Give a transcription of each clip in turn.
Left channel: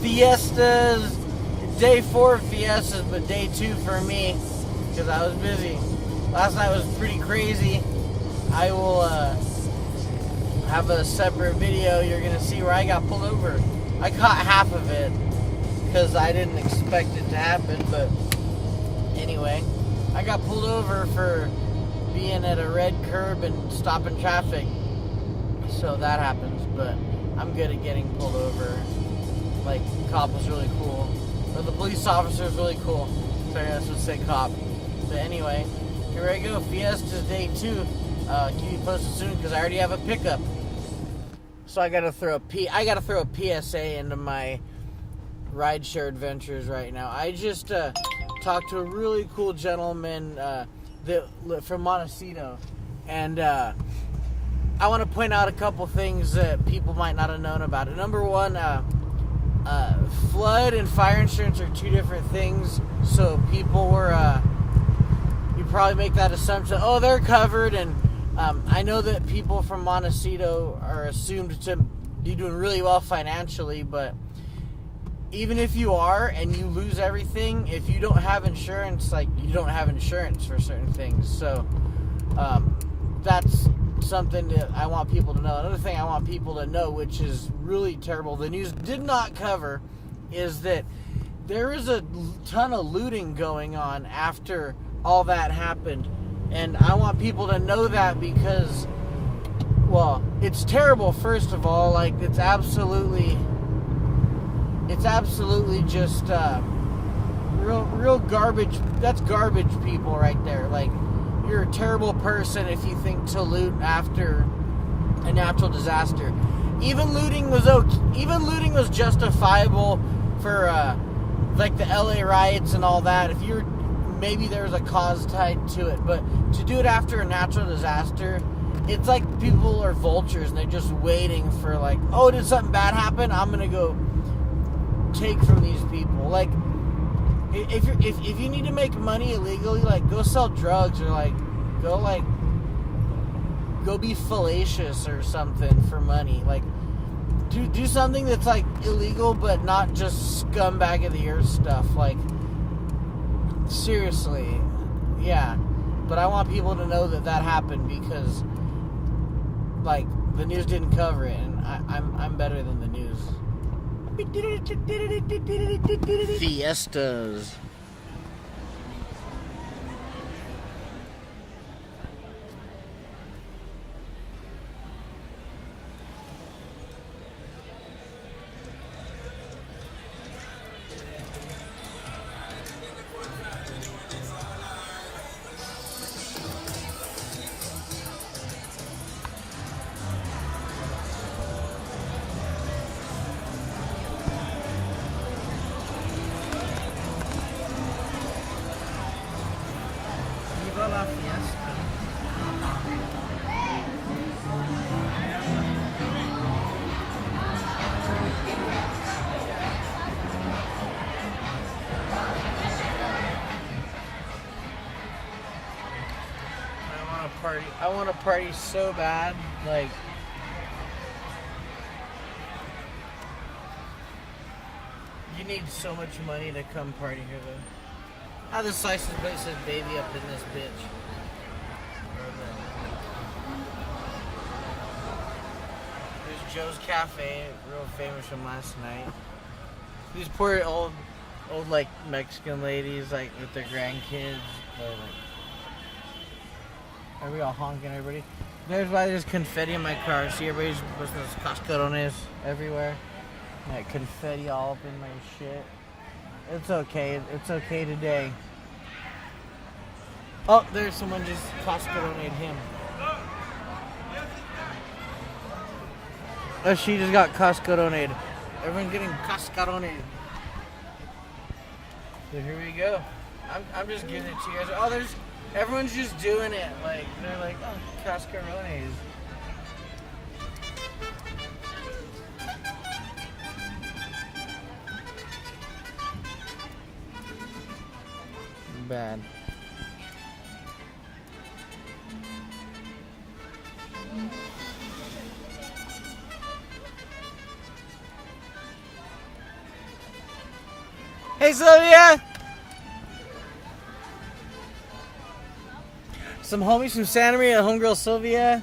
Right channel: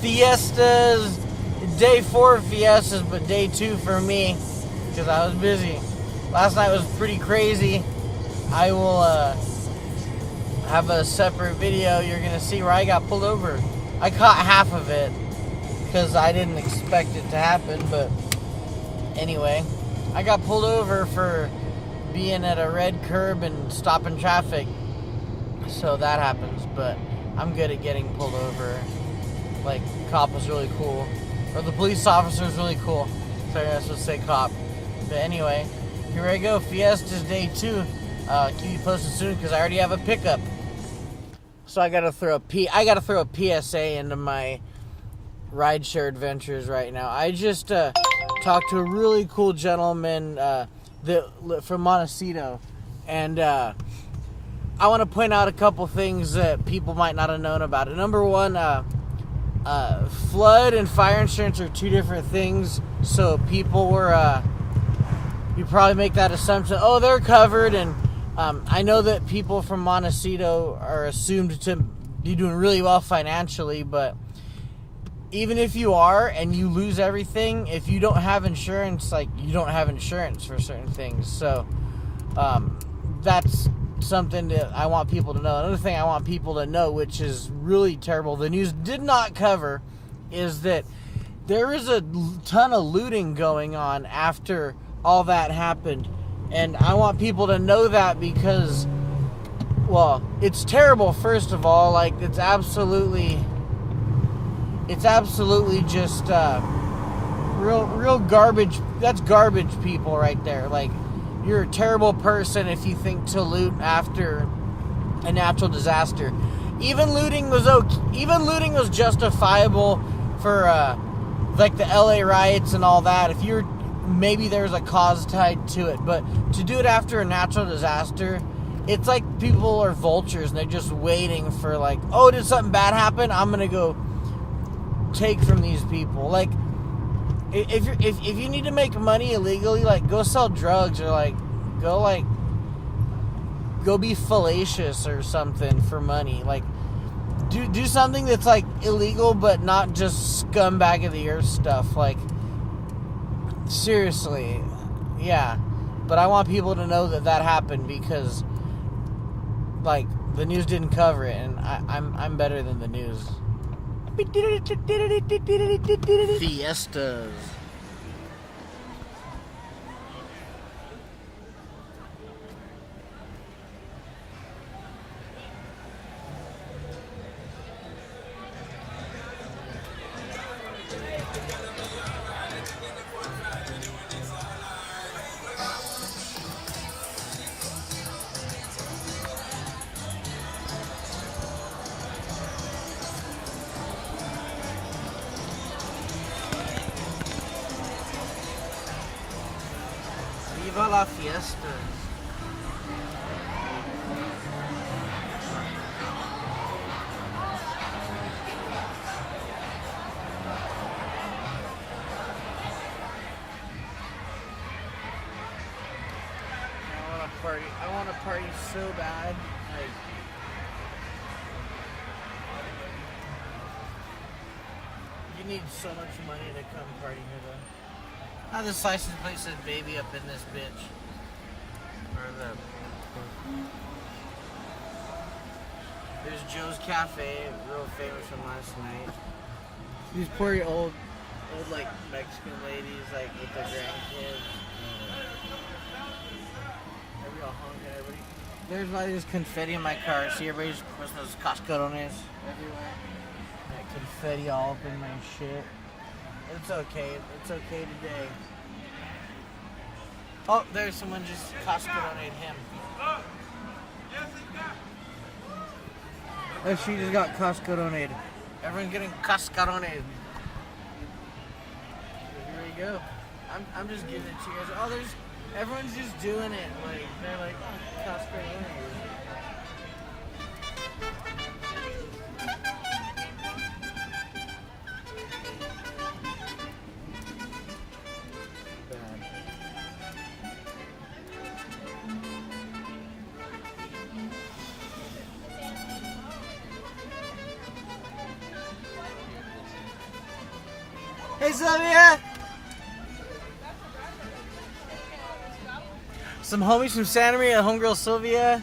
Fiestas, day 4 of Fiestas, but day 2 for me, because I was busy. Last night was pretty crazy. I will have a separate video you're going to see where I got pulled over. I caught half of it, because I didn't expect it to happen, but anyway, I got pulled over for being at a red curb and stopping traffic, so that happens, but I'm good at getting pulled over. Like, cop was really cool, or the police officer was really cool, sorry, I should say cop, but anyway, here I go, Fiestas day 2, keep you posted soon, because I already have a pickup, so I gotta throw a PSA into my rideshare adventures right now. I just talked to a really cool gentleman from Montecito, and I want to point out a couple things that people might not have known about it. Number one, flood and fire insurance are two different things, so people were you probably make that assumption, oh, they're covered, and I know that people from Montecito are assumed to be doing really well financially, but even if you are and you lose everything, if you don't have insurance, like, you don't have insurance for certain things. So that's something that I want people to know. Another thing I want people to know, which is really terrible, the news did not cover, is that there is a ton of looting going on after all that happened. And I want people to know that because, well, it's terrible, first of all. Like, it's absolutely just real garbage. That's garbage people right there. Like, you're a terrible person if you think to loot after a natural disaster. Even looting was okay. Even looting was justifiable for like the LA riots and all that. If you're, maybe there's a cause tied to it, but to do it after a natural disaster, it's like people are vultures and they're just waiting for, like, oh, did something bad happen? I'm gonna go take from these people. Like, if you need to make money illegally, like, go sell drugs, or like go be fallacious or something for money. Like, do something that's like illegal but not just scumbag of the earth stuff. Like, seriously, yeah. But I want people to know that happened, because, like, the news didn't cover it, and I'm better than the news. Fiestas. Viva la fiesta. I want to party so bad, like, you need so much money to come party here, though. This license plate says baby up in this bitch. There's Joe's Cafe, real famous from last night. These poor old like Mexican ladies, like, with their grandkids. Are we all honking, everybody? There's why there's confetti in my car. See, everybody's pushing those cascarones everywhere. Like, confetti all up in my shit. It's okay. It's okay today. Oh, there's someone just cascaroned him. Oh, she just got cascaroned. Everyone's getting cascaroned. So here we go. I'm just giving it to you guys. Oh, everyone's just doing it. Like, they're like, oh, cascarones. Bad. Sylvia! Some homies from Santa Maria, homegirl Sylvia.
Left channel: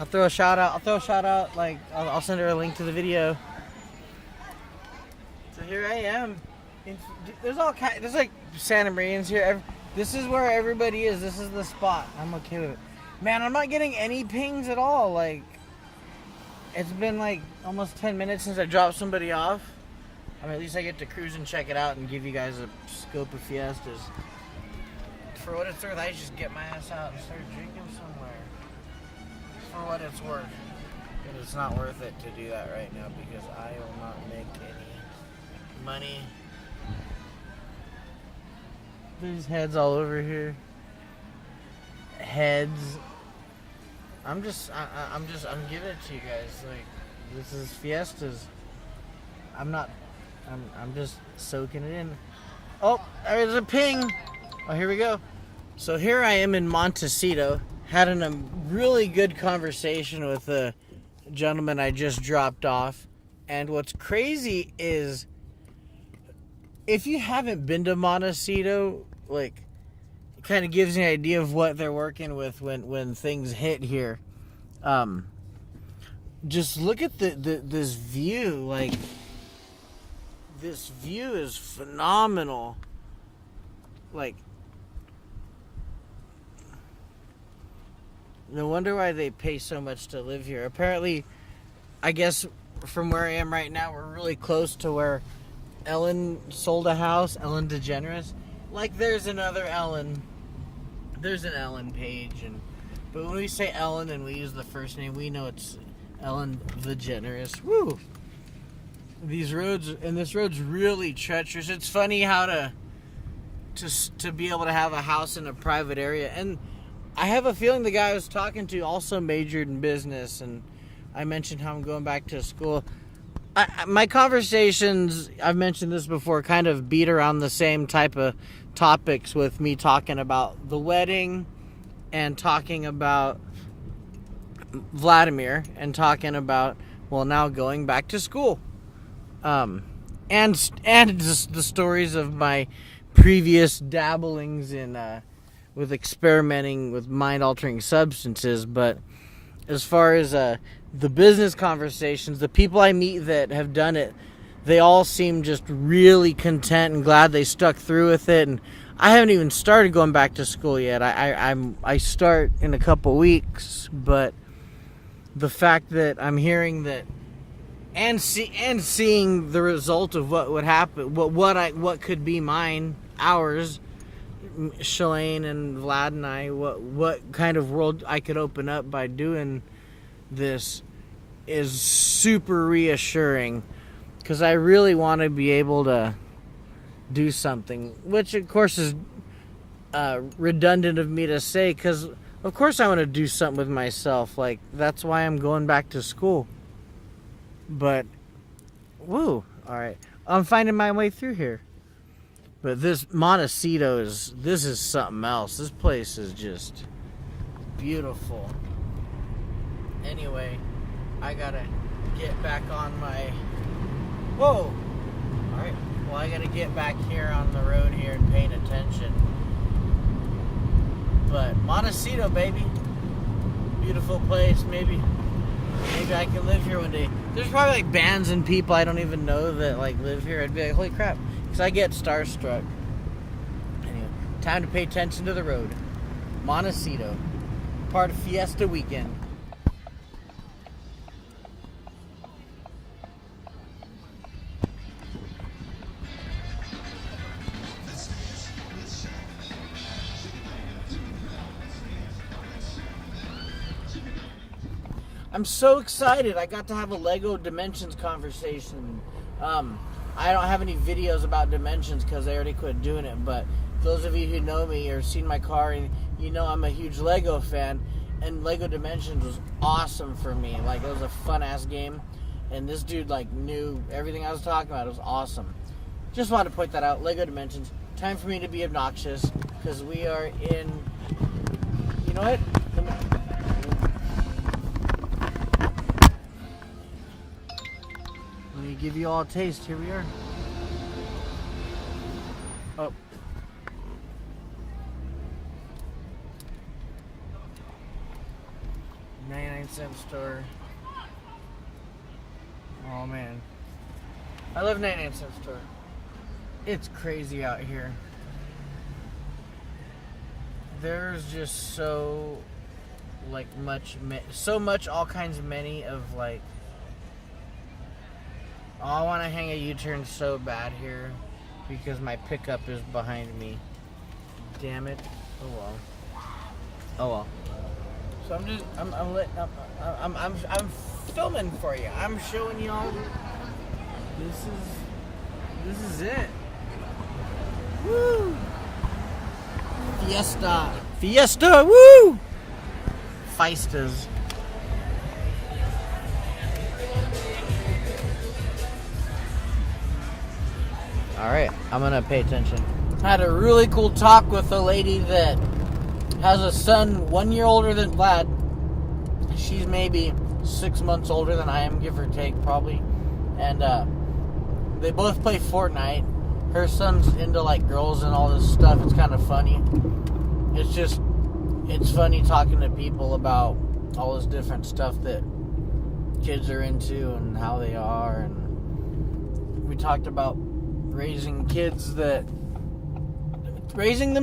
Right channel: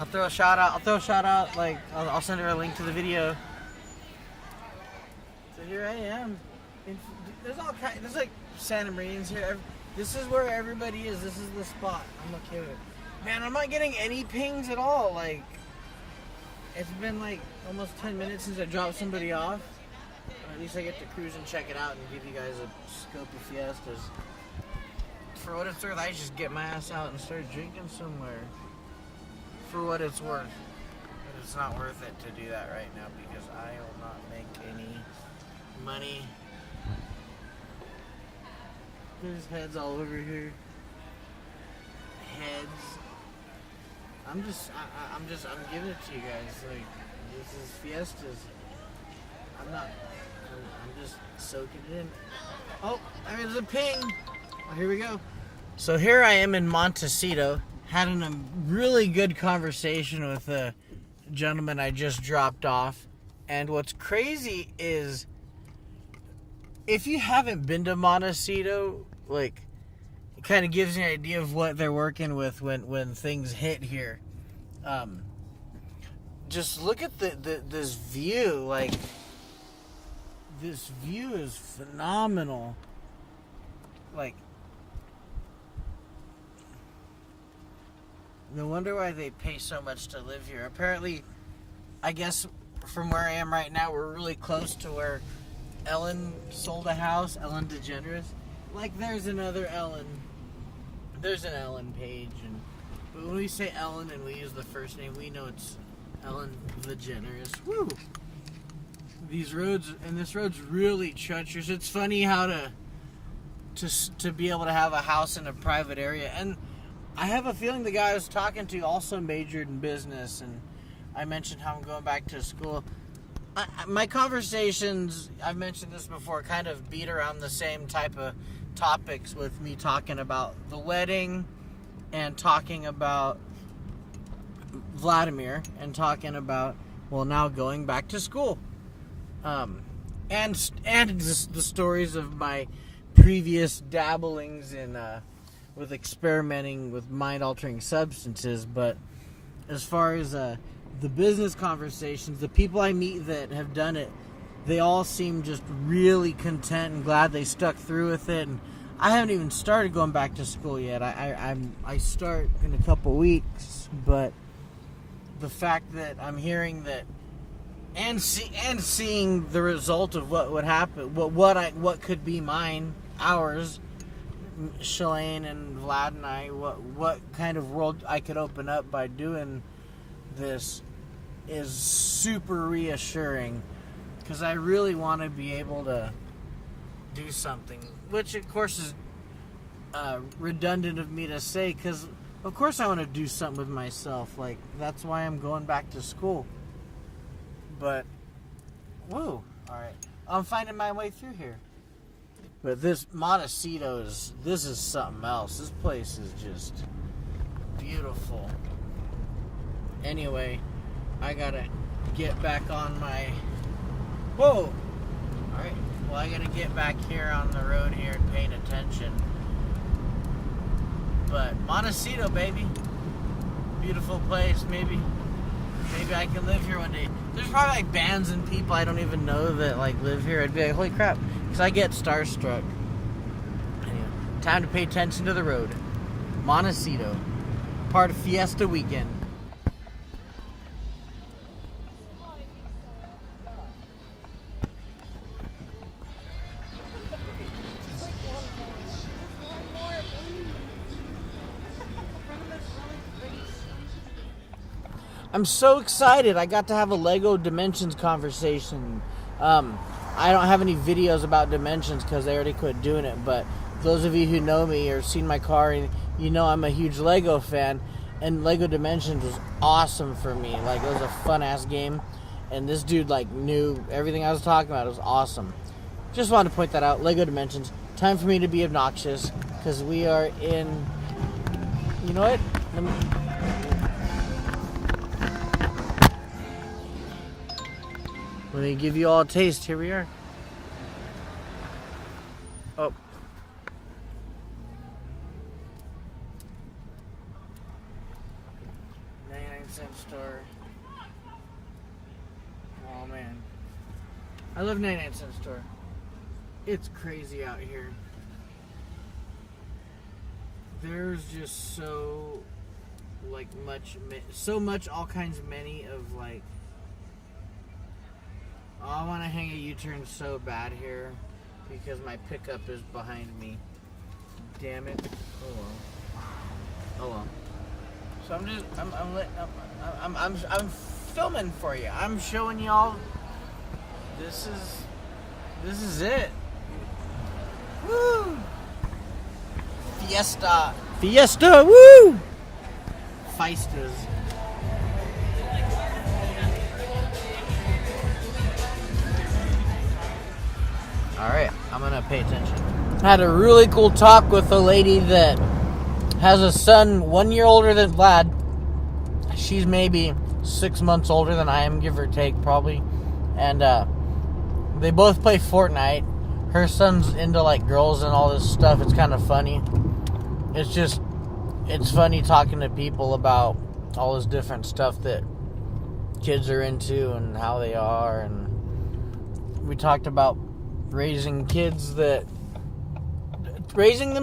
I'll throw a shout out. Like, I'll send her a link to the video. So here I am. There's all kinds. There's like Santa Marians here. This is where everybody is. This is the spot. I'm okay with it. Man, I'm not getting any pings at all. Like, it's been like almost 10 minutes since I dropped somebody off. I mean, at least I get to cruise and check it out and give you guys a scope of Fiestas. For what it's worth, I just get my ass out and start drinking somewhere. For what it's worth. But it's not worth it to do that right now because I will not make any money. There's heads all over here. Heads. I'm giving it to you guys. Like, this is Fiestas. I'm just soaking it in. Oh, there's a ping. Oh, here we go. So here I am in Montecito. Had a really good conversation with a gentleman I just dropped off. And what's crazy is, if you haven't been to Montecito, like, it kind of gives you an idea of what they're working with when things hit here. Just look at this view. Like, this view is phenomenal. Like, no wonder why they pay so much to live here. Apparently, I guess from where I am right now, we're really close to where Ellen sold a house, Ellen DeGeneres. Like, there's another Ellen. There's an Ellen page, but when we say Ellen and we use the first name, we know it's Ellen DeGeneres. Woo! This road's really treacherous. It's funny how to be able to have a house in a private area. And I have a feeling the guy I was talking to also majored in business, and I mentioned how I'm going back to school. My conversations, I've mentioned this before, kind of beat around the same type of topics, with me talking about the wedding and talking about Vladimir and talking about, well, now going back to school. And just the stories of my previous dabblings in with experimenting with mind-altering substances. But as far as the business conversations, the people I meet that have done it, they all seem just really content and glad they stuck through with it. And I haven't even started going back to school yet. I start in a couple weeks, but the fact that I'm hearing that and seeing the result of what would happen, what could be mine, ours, Shalane and Vlad and I, what kind of world I could open up by doing this is super reassuring, because I really want to be able to do something, which of course is redundant of me to say, because of course I want to do something with myself. Like, that's why I'm going back to school. But woo, all right, I'm finding my way through here. But this Montecito is something else. This place is just beautiful. Anyway, I gotta get back on my... Whoa! Alright, well, I gotta get back here on the road here and paying attention. But Montecito, baby. Beautiful place. Maybe I can live here one day. There's probably like bands and people I don't even know that like live here. I'd be like, holy crap. Because I get starstruck. Anyway, time to pay attention to the road. Montecito. Part of Fiesta weekend. I'm so excited. I got to have a Lego Dimensions conversation. I don't have any videos about Dimensions because they already quit doing it, but those of you who know me or seen my car, and you know I'm a huge Lego fan, and Lego Dimensions was awesome for me. Like, it was a fun-ass game, and this dude, like, knew everything I was talking about. It was awesome. Just wanted to point that out. Lego Dimensions. Time for me to be obnoxious, because we are in... You know what? Let me give you all a taste. Here we are. 99-cent store. Oh man. I love 99-cent store. It's crazy out here. There's just so much all kinds of many of like, oh, I want to hang a U-turn so bad here because my pickup is behind me. Damn it. Oh well. So I'm filming for you. I'm showing y'all. This is it. Woo! Fiesta, woo! Fiestas. Alright, I'm gonna pay attention. I had a really cool talk with a lady that has a son 1 year older than Vlad. She's maybe 6 months older than I am, give or take, probably. And they both play Fortnite. Her son's into like girls and all this stuff. It's kind of funny. It's funny talking to people about all this different stuff that kids are into and how they are. And we talked about raising them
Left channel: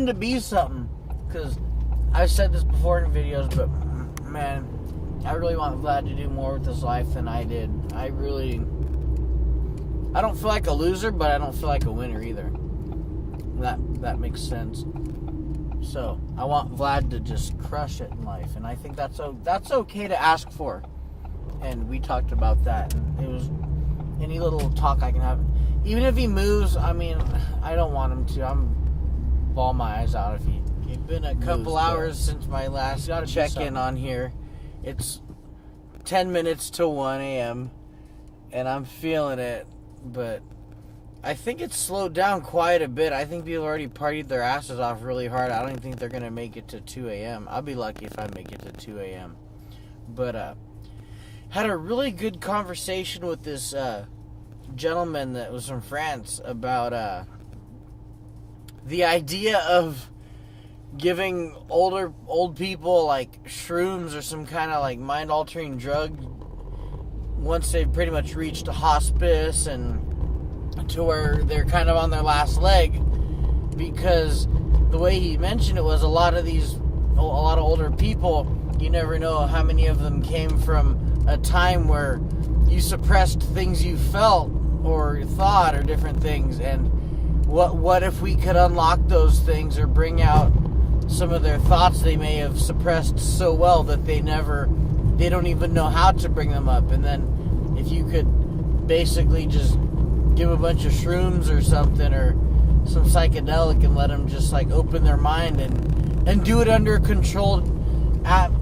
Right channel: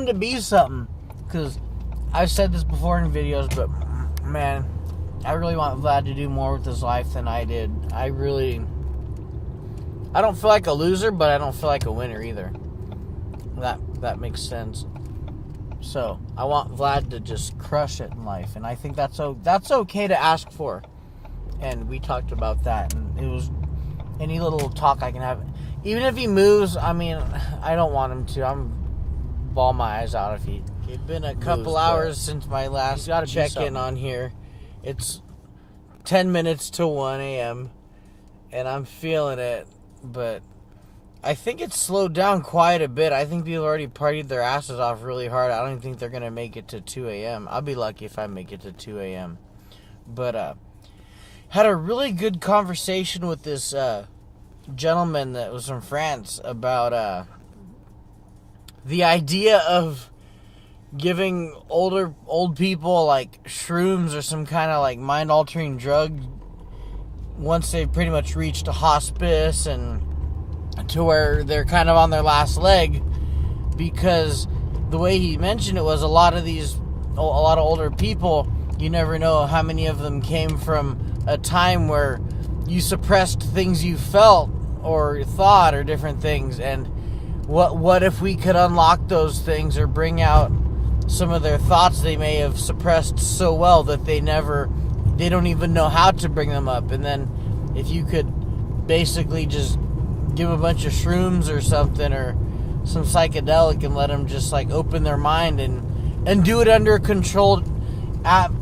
to be something. Because I've said this before in videos, but man, I really want Vlad to do more with his life than I did. I don't feel like a loser, but I don't feel like a winner either. That makes sense. So I want Vlad to just crush it in life, and I think that's okay to ask for. And we talked about that, and it was any little talk I can have. Even if he moves, I mean, I don't want him to. I'm bawl my eyes out if he. It's been a couple hours since my last check-in on here. It's 10 minutes to 1 a.m. and I'm feeling it, but I think it's slowed down quite a bit. I think people already partied their asses off really hard. I don't even think they're going to make it to 2 a.m. I'll be lucky if I make it to 2 a.m. But had a really good conversation with this gentleman that was from France about the idea of giving old people like shrooms or some kind of like mind-altering drug once they've pretty much reached a hospice and to where they're kind of on their last leg, because the way he mentioned it was a lot of older people, you never know how many of them came from a time where you suppressed things you felt or thought or different things, and what if we could unlock those things or bring out some of their thoughts they may have suppressed so well that they don't even know how to bring them up. And then if you could basically just give a bunch of shrooms or something or some psychedelic and let them just like open their mind and do it under a controlled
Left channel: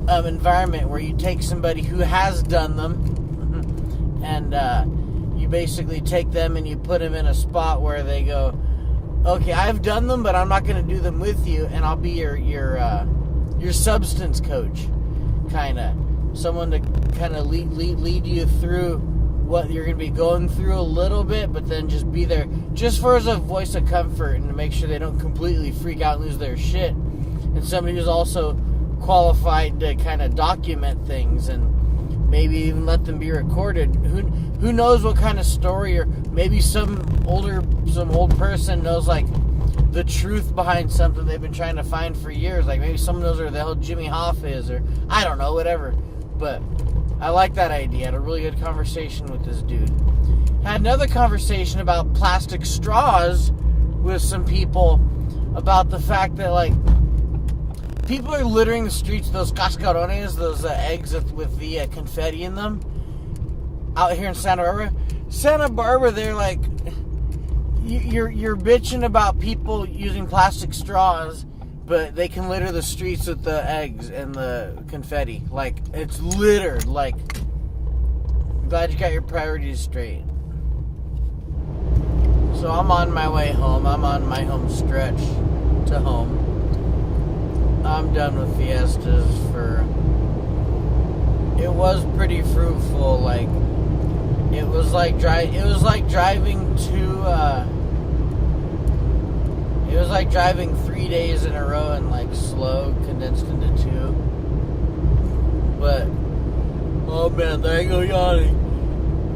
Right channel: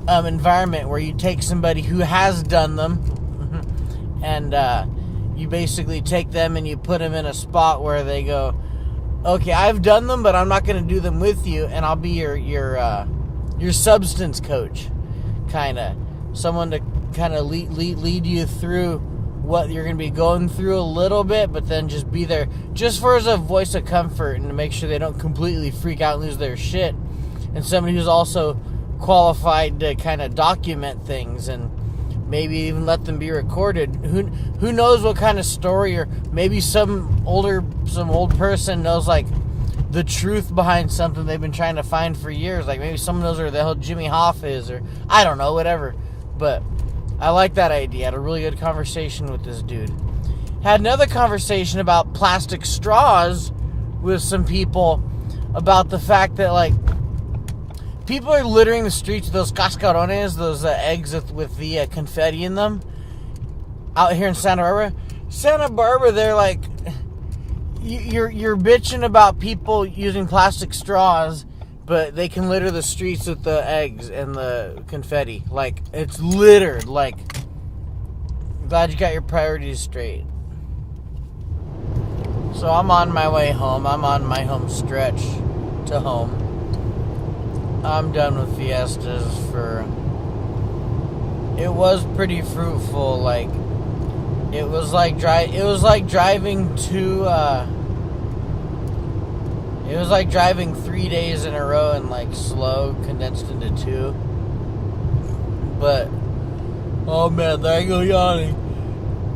environment where you take somebody who has done them and you basically take them and you put them in a spot where they go, okay, I've done them, but I'm not going to do them with you, and I'll be your substance coach, kind of. Someone to kind of lead you through what you're going to be going through a little bit, but then just be there just for as a voice of comfort and to make sure they don't completely freak out and lose their shit. And somebody who's also qualified to kind of document things and maybe even let them be recorded. Who knows what kind of story, or maybe some old person knows like the truth behind something they've been trying to find for years. Like maybe someone knows where the hell Jimmy Hoff is, or I don't know, whatever. But I like that idea. Had a really good conversation with this dude. Had another conversation about plastic straws with some people about the fact that like people are littering the streets with those cascarones, those eggs with the confetti in them. Out here in Santa Barbara. Santa Barbara, they're like, you're bitching about people using plastic straws, but they can litter the streets with the eggs and the confetti. Like, it's littered. Like, I'm glad you got your priorities straight. So I'm on my way home. I'm on my home stretch to home. I'm done with Fiestas it was pretty fruitful. Like, it was like driving it was like driving 3 days in a row and like slow, condensed into 2. But Oh man, there I go yawning.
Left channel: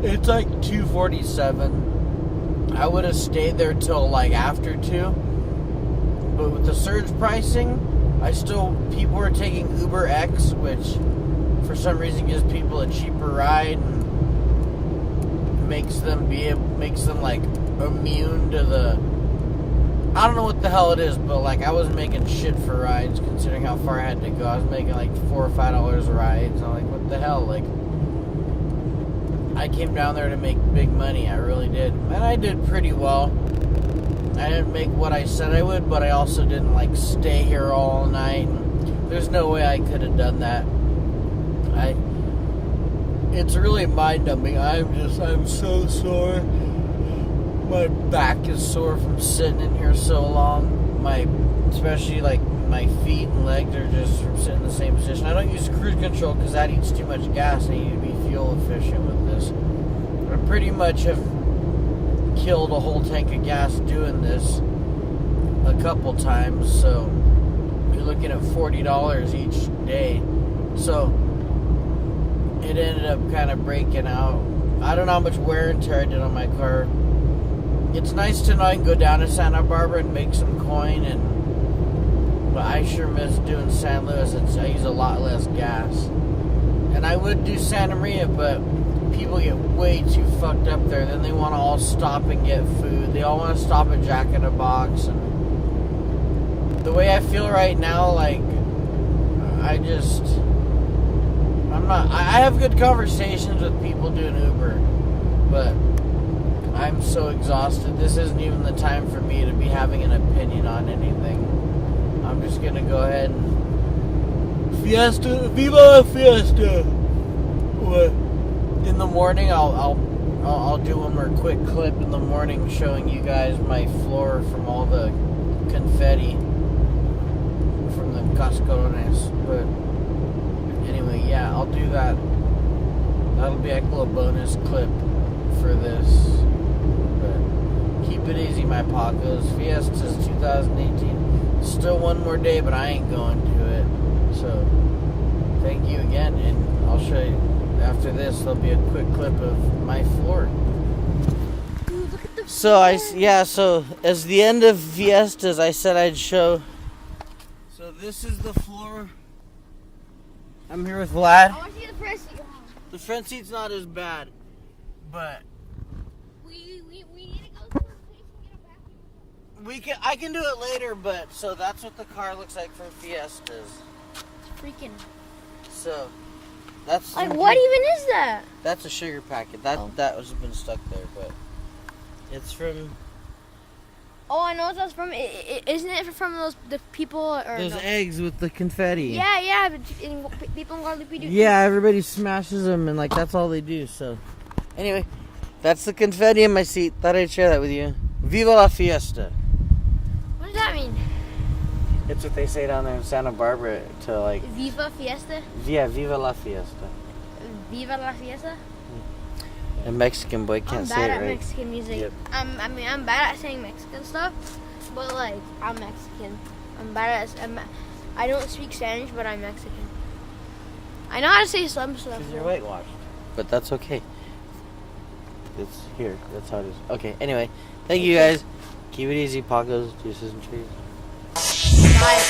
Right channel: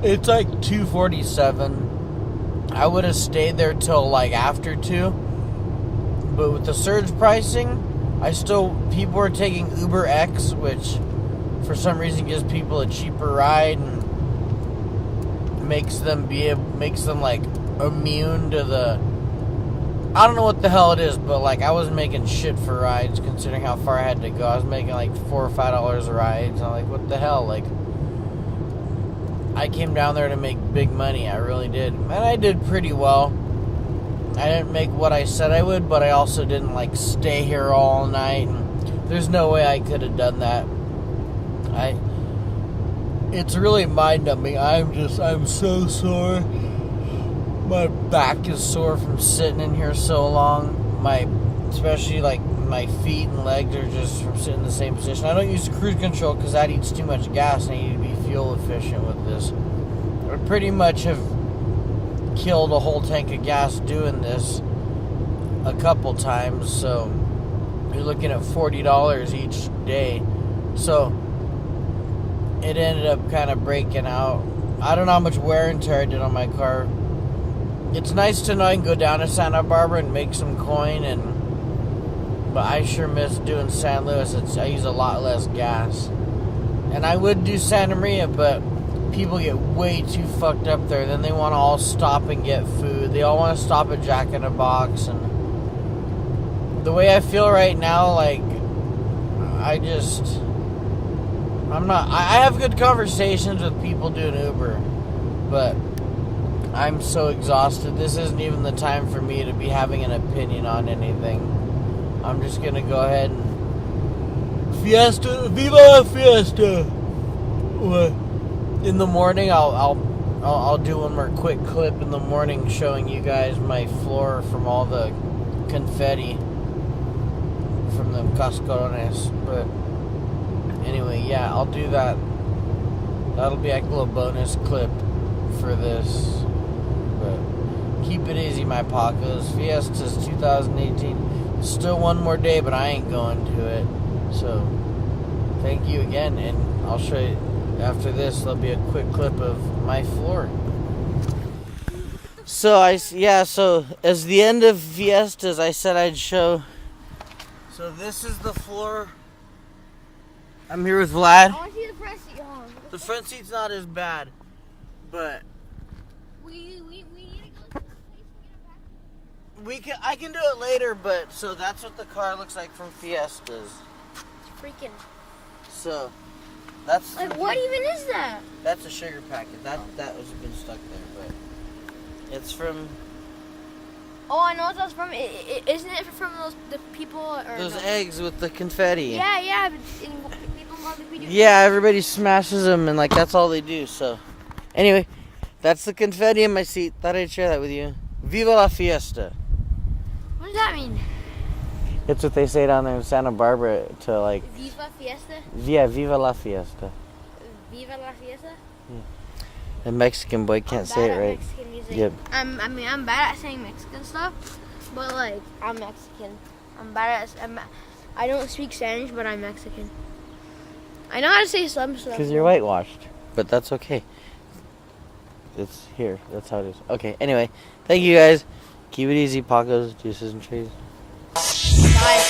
It's like 2:47. I would have stayed there till like after 2. But with the surge pricing, people were taking UberX, which for some reason gives people a cheaper ride and makes them like immune to the, I don't know what the hell it is, but like I was making shit for rides considering how far I had to go. I was making like $4 or $5 a ride. So I'm like, what the hell? Like, I came down there to make big money. I really did. And I did pretty well. I didn't make what I said I would, but I also didn't like stay here all night. And there's no way I could have done that. It's really mind-numbing. I'm so sore. My back is sore from sitting in here so long. Especially like my feet and legs are just from sitting in the same position. I don't use cruise control because that eats too much gas and I need to be fuel efficient with this. I pretty much have killed a whole tank of gas doing this a couple times, so you're looking at $40 each day. So it ended up kind of breaking out. I don't know how much wear and tear I did on my car. It's nice to know I can go down to Santa Barbara and make some coin, but I sure miss doing San Luis. I use a lot less gas. And I would do Santa Maria, but people get way too fucked up there. Then they want to all stop and get food. They all want to stop at Jack in the Box. And the way I feel right now, like, I have good conversations with people doing Uber, but I'm so exhausted. This isn't even the time for me to be having an opinion on anything. I'm just gonna go ahead and Fiesta, viva la fiesta. What? In the morning, I'll do one more quick clip in the morning showing you guys my floor from all the confetti from the cascarones. But anyway, yeah, I'll do that. That'll be like a little bonus clip for this. But keep it easy, my Pacos. Fiestas 2018. Still one more day, but I ain't going to it. So thank you again, and I'll show you. After this, there'll be a quick clip of my floor. So as the end of Fiestas, I said I'd show. So this is the floor. I'm here with Vlad. I want to see the front seat. The front seat's not as bad, but we need to go to the place to get a back. I can do it later. But so that's what the car looks like from Fiestas. Freaking. So. That's like, what even is that? That's a sugar packet. That was been stuck there, but it's from. Oh, I know what that's from. Isn't it from the people or those eggs with the confetti? Yeah. But people in Guadalupe do. Yeah, everybody smashes them, and like that's all they do. So, anyway, that's the confetti in my seat. Thought I'd share that with you. Viva la fiesta. What does that mean? It's what they say down there in Santa Barbara to like. Viva fiesta. Yeah, viva la fiesta. Viva la fiesta. A Mexican boy can't say it right. I'm bad at Mexican music. Yep. I'm bad at saying Mexican stuff, but like I'm Mexican. I don't speak Spanish, but I'm Mexican. I know how to say some stuff. Because you're whitewashed, but that's okay. It's here. That's how it is. Okay. Anyway, thank you guys. Keep it easy, Pacos, juices, and trees. Bye.